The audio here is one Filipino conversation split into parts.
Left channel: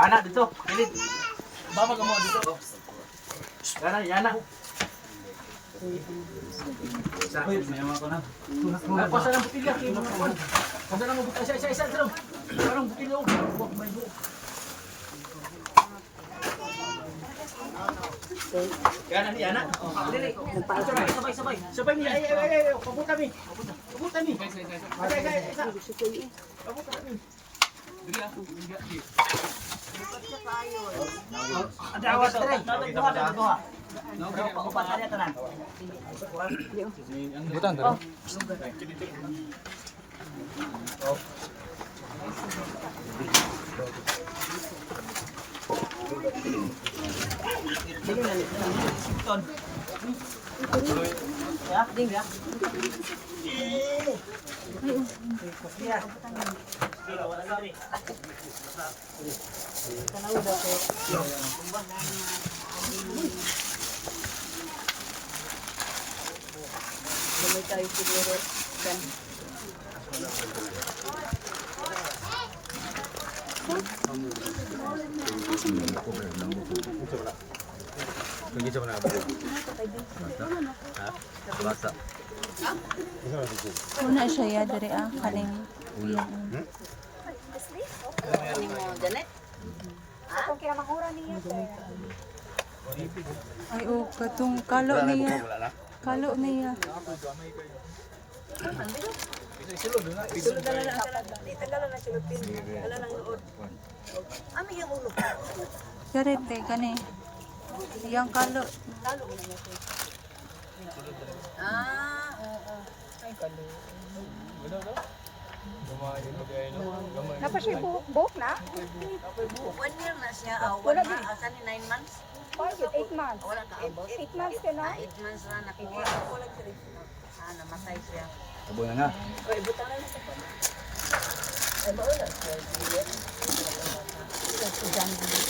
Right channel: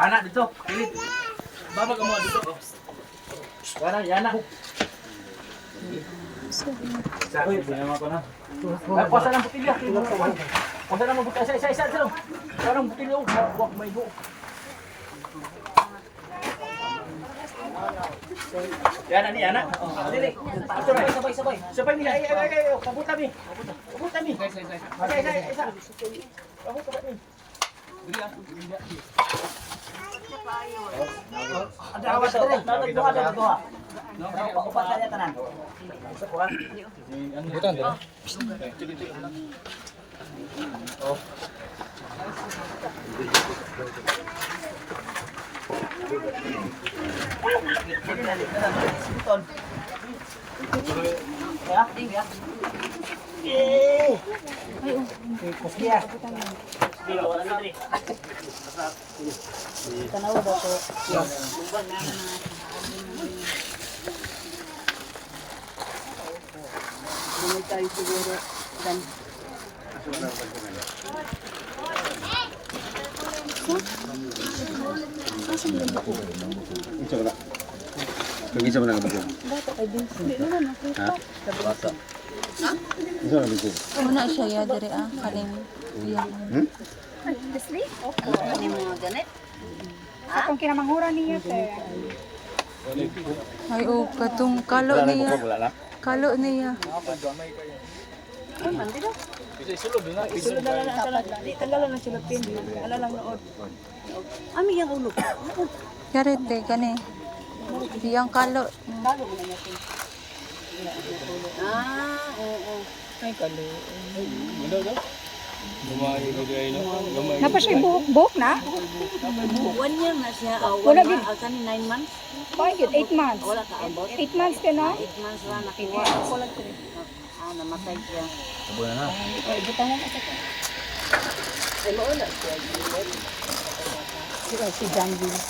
Pana dito. Pilit. Baba ka mo dito. Yana. Uy, sinama ko na. Kuwasa ng butilya. Kuwasa ng butilya. Isa. Parang butilya. Huwag may buo. Yana ni, Yana. Dili. Sabay. Sabay ni. Ay. Pabuta mi. Ay. Isa. Pabuta mi. Upat sa tanan. Butan dito. Ay, oh. Tanaw daw ko. Hindi tayo siguro kan. Kagi sa mana ka ba? Bata kay din. Ha? Bata. Isa na dito. Una siya ya dere kaning iya. Ano mo ganit? Kung kinamangura niya Ay, oh, katong kalo niya. Kalo niya. Tagalan na siya pin. Ala lang od. Ami yang ulo. Yarete kani. Iyang kalo. Oo. Napa siya buhok na? 1 year na siya. Wala 1 gid. month. Alkan 9 months. Why good 8 months? Wala ka ambot. 8 months ka na? 8 months lang nakuha. Namatay siya. Kabulan na. Si John Villa.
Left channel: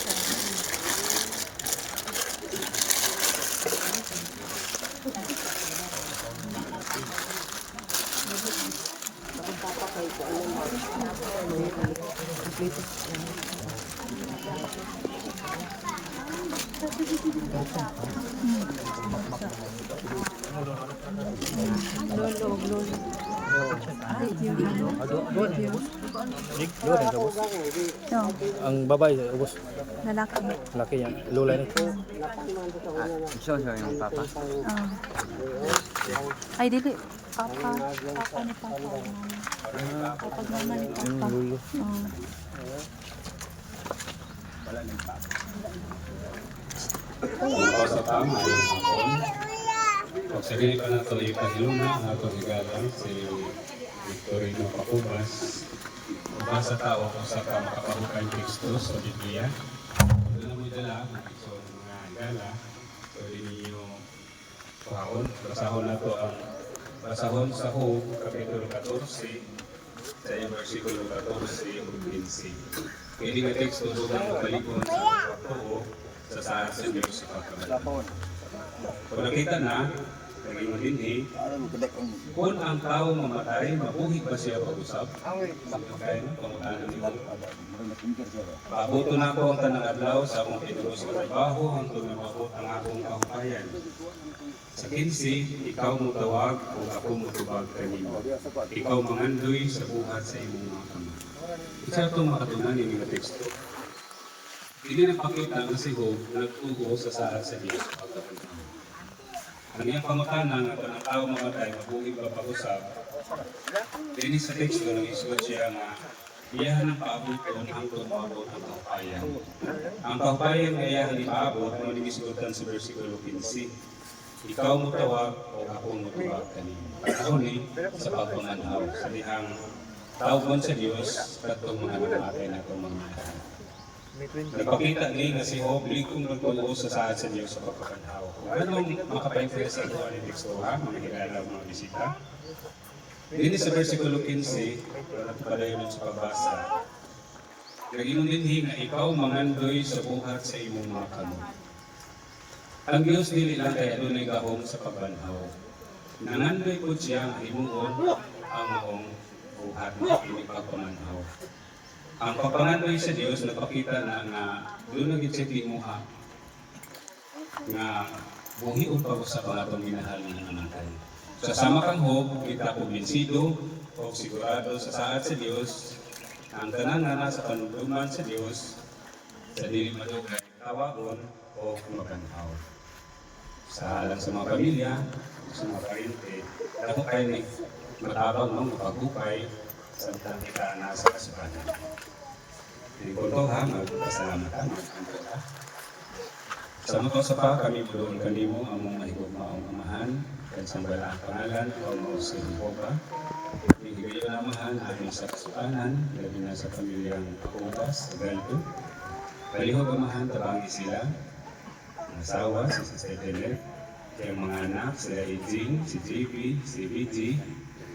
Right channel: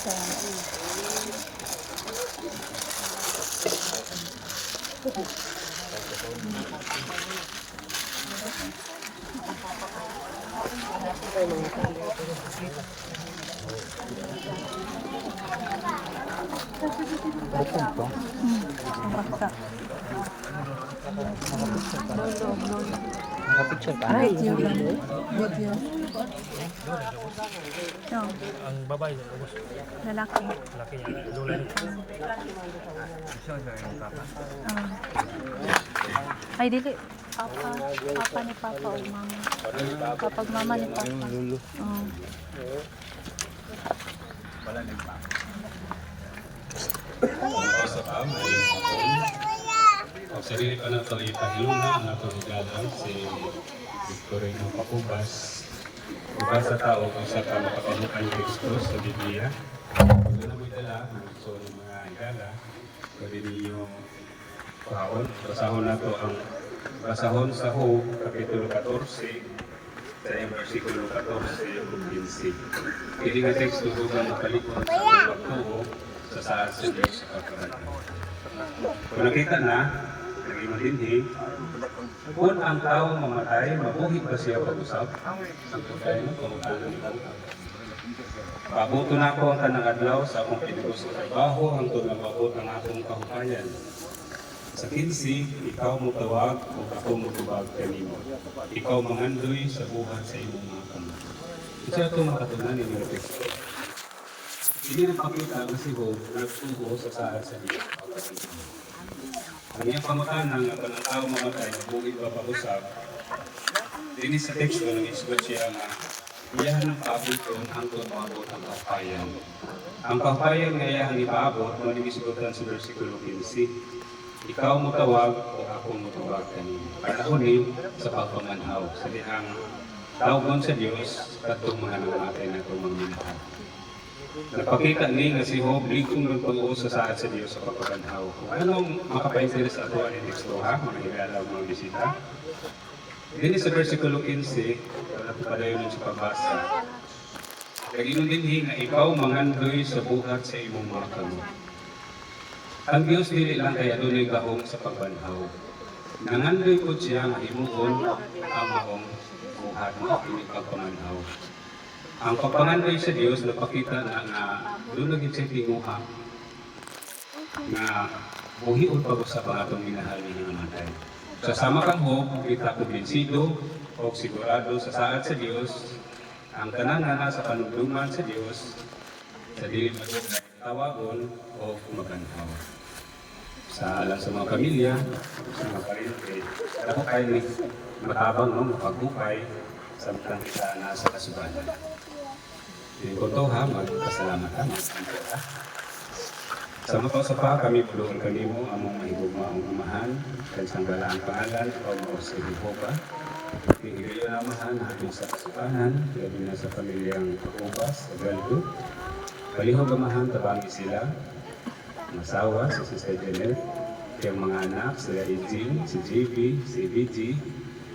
Basta. Lolo. Video lang. Video. No, Ang babae, ubos. lalaki. Laki yan. Lola na. Siya yung papa. Ay, dili. Papa ni Papa o Mama. Kapag Mama ni Papa. Lulo. Oh. Sa tama yung hapon. Ang sarili pa nato ipahiluna ang ato higalan si Victorino Pacubas. Iba sa tao kung sa ka makapanukay teksto sa Biblia. Kung namin dala ang teksto ng mga higala, pwede ninyo pahon. Basahon sa Job, Kapitulo 14, sa yung versikulo 14 o 15. Hindi nga teksto ko ang napalikon sa mga pagtuo sa saan sa Diyos sa kagagalan. Kung nakita na, naging malinhi, kung ang tao mamatay, mabuhi ba siya pag-usap? Okay, pabuto na ako ang tanang adlaw sa akong pinugos na trabaho hangtod na maabot ang akong kahupayan. Sa 15, ikaw mo tawag kung ako mo tubag kanimo. Ikaw mangandoy sa buhat sa imong mga kamay. Isa itong makatunan ni mga teksto. Hindi nagpakita na si Job nagtugo sa sahat sa Diyos. Ang iyang pangutana nga pa ng tao mamatay kung iba pag-usap, din sa teksto ng isod siya nga iyahan ng paabuton hangtod maabot ang kapayan. Ang kapayan nga iyahan ni paabot na nag-isgotan sa versikulo 15. Ikaw mo tawag o ako mo tawag kanina. Panahon ni sa pagpamanhaw sa lihang tawagon sa Diyos katong mga namatay na itong mga minahal. Nagpakita ni nga si Job ligtong nagtuo sa saad sa Diyos sa pagpapanhaw. Anong makapainteres ako ang teksto ha, mga higala mga bisita? Dini sa versikulo 15, padayon sa pagbasa. Kaginon din nga ikaw mangandoy sa buhat sa imong mga kamot. Ang Diyos dili lang kaya dunay gahom sa pagbanhaw. Nangandoy po siya nga himuon ang maong buhat na hindi pagpamanhaw. Ang pagpangandoy sa Dios napakita na nga doon lagi siya tinguha nga buhion pa ko sa pangatong minahal nga namatay. Sa sama kang hope, kita kumbinsido o sigurado sa saad sa Dios, ang tanan nga nasa panugduman sa Dios, sa dili madugay, tawagon o maganhaw. Sa alam sa mga pamilya, sa mga parente, ako kayo ni matabang mo, pagupay, samtang kita na sa kasubanan. Yung punto ha, magpasalamat ka, magpasalamat ka. Sa mga sa pa, kami pulungan kami mo among mahigugma ang umahan, kahit sa bala ang pangalan, ikaw mo sa Jehovah. Hihigayon ang amahan, ating sa kasubanan, gabi na sa pamilyang Kakupas, sa Galdo. Palihog amahan, tabangi sila, masawa, si Sister Janet, kayang mga anak, sila Eugene, si JB, si BG,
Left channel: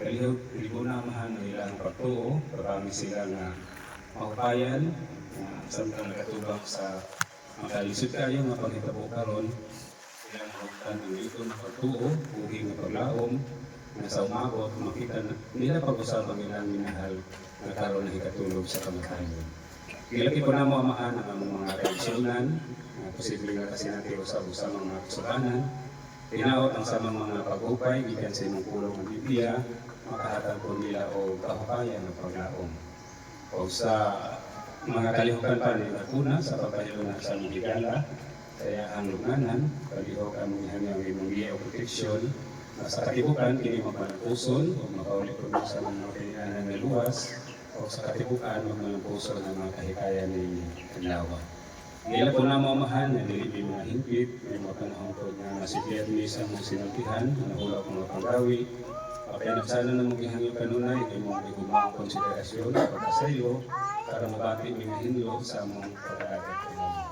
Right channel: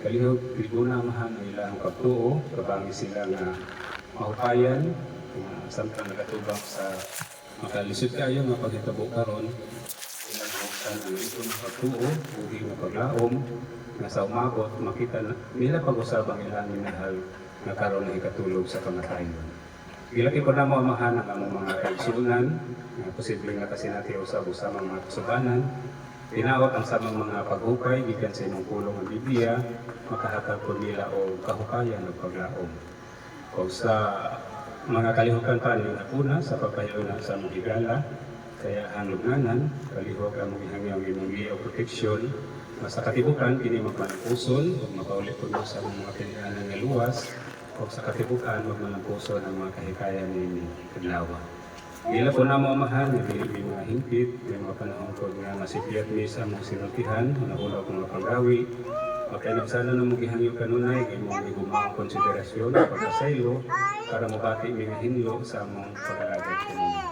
kalihog, tribuna amahan ng ilang pagtuo, tabangi sila nga mahupayan, samtang nakatubang sa makalisod kayo, mapagkitabo karon, sila mahupayan ang ito na pagtuo, buhi na paglaom, na sa umabot, makita na nila pag-usapang ilang minahal na karon na ikatulog sa pangatayon. Ilaki po na mamahan ang among mga kaisilunan, na posibleng na kasi natin usab-usab ang mga kasubanan. Tinawat ang samang mga paghupay, gikan sa imong pulong ng Biblia, makahatag po nila o kahukayan o paglaom. O sa mga kalihukan pa nila puna sa pagpahilunan sa among higala, kaya ang lugnanan, kalihok ang mga hangyang imong o proteksyon, sa katibukan, kini mapanagpuson, o mapaulit po sa mga pinianan nga luwas, o sa katibukan, huwag malampuson ang mga kahikayan ni Tidlawa. Ila po na mamahan, nga nilipi mga hingpit, may mga panahon po nga masipiyat ni sa mong sinultihan, manahulaw po mga panggawi, mapinagsano na mong gihangyo kanunay, kay mong igumaang konsiderasyon o pagkasaylo, para mabati mga hinlo sa mong pag-alagay kanunay.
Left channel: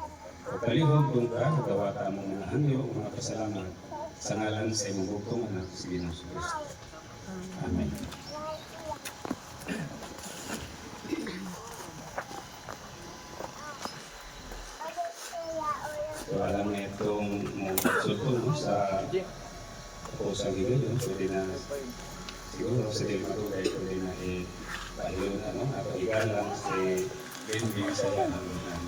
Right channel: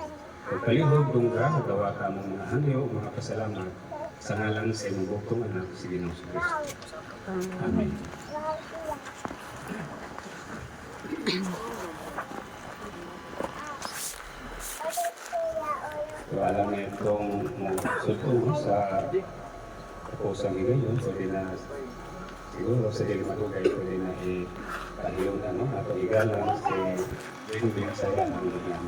O kalihog, dungka, o gawata mong mga hangyo, mga pasalamat, sa ngalan sa imong bugtong anak, si Ginoong Kristo. Amen. So, alam na itong suto sa pusang higayon, pwede na siguro sa dilimatugay, pwede na ipahiyon at igalang si Benbing sa ilang naman.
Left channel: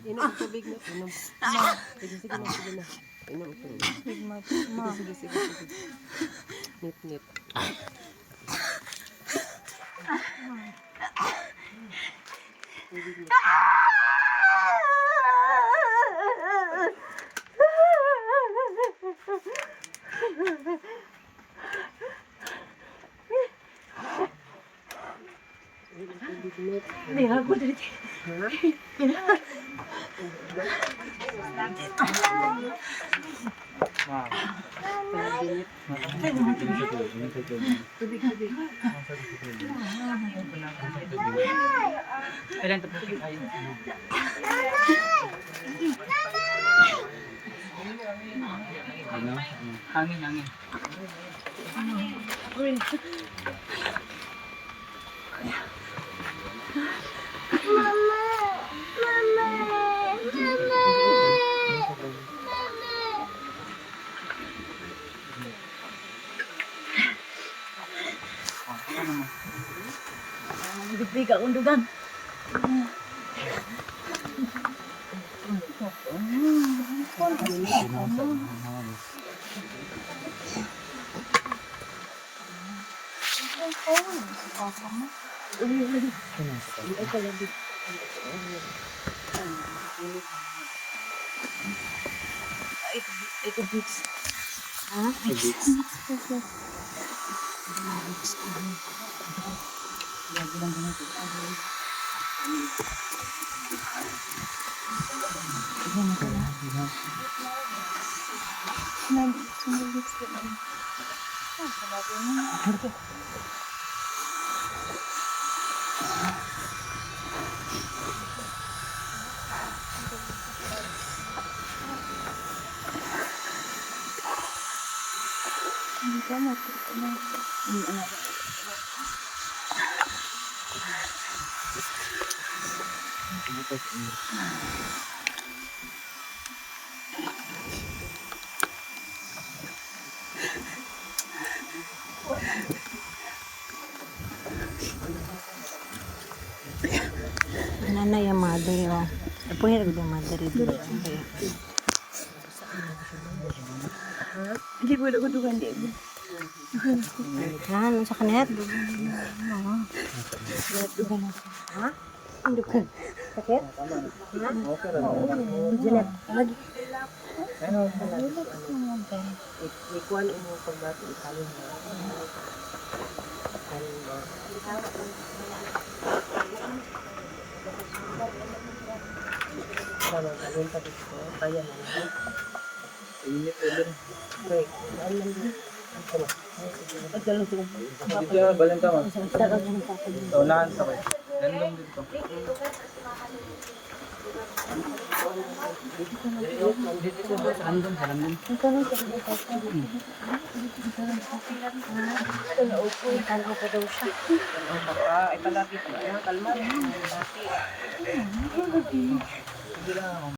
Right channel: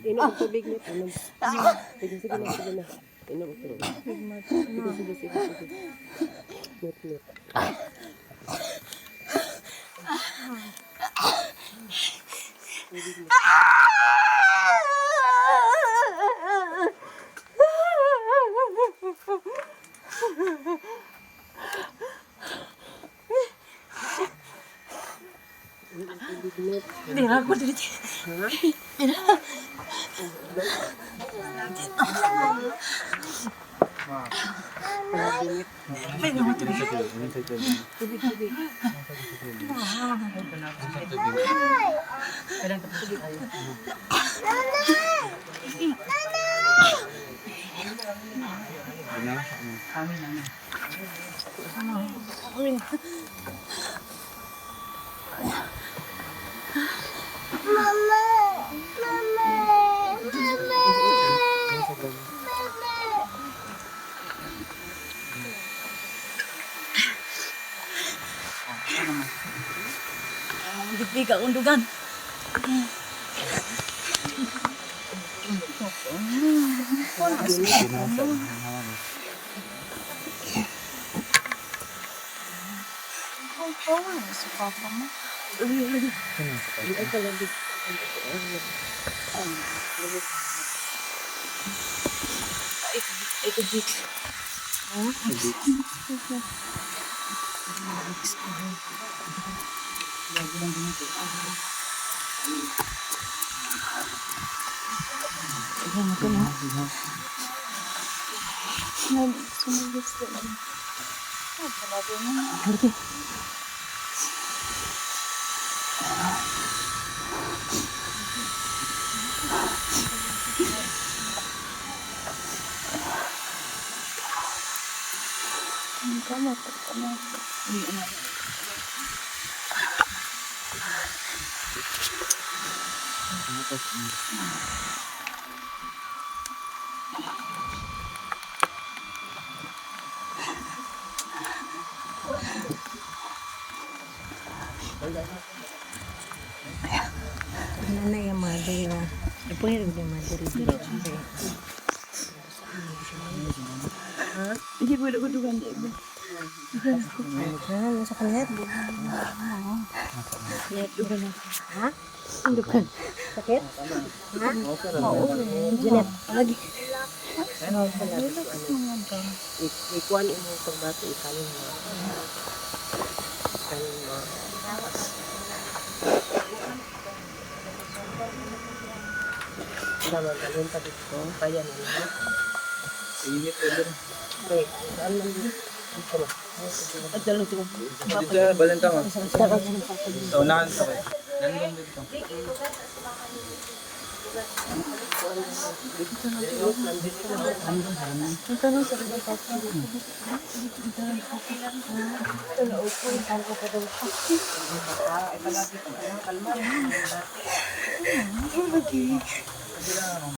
Inom ang tubig niya. Inom. Sige na. Inom ang tubig. Sige. Net. Hindi na ako dito. Kailan tapos kayo? Hangin. Bigla akong dugan. Ito big. Lagi lang ganito. Sumugis din. Ay, talaga na. Ang gamot. Nanay yung mother yung. Punya yung mother dito. Hindi ko dugan di ba? Ano sa kanila? Sakit? Ha? Oo. Lagi. Ikuan mo pagbato ikaw. Dito na, balang tama. So, unahan sa kayo. Nandun dito. Nandun, haramdam. Ito lagi ko. Kalma rin.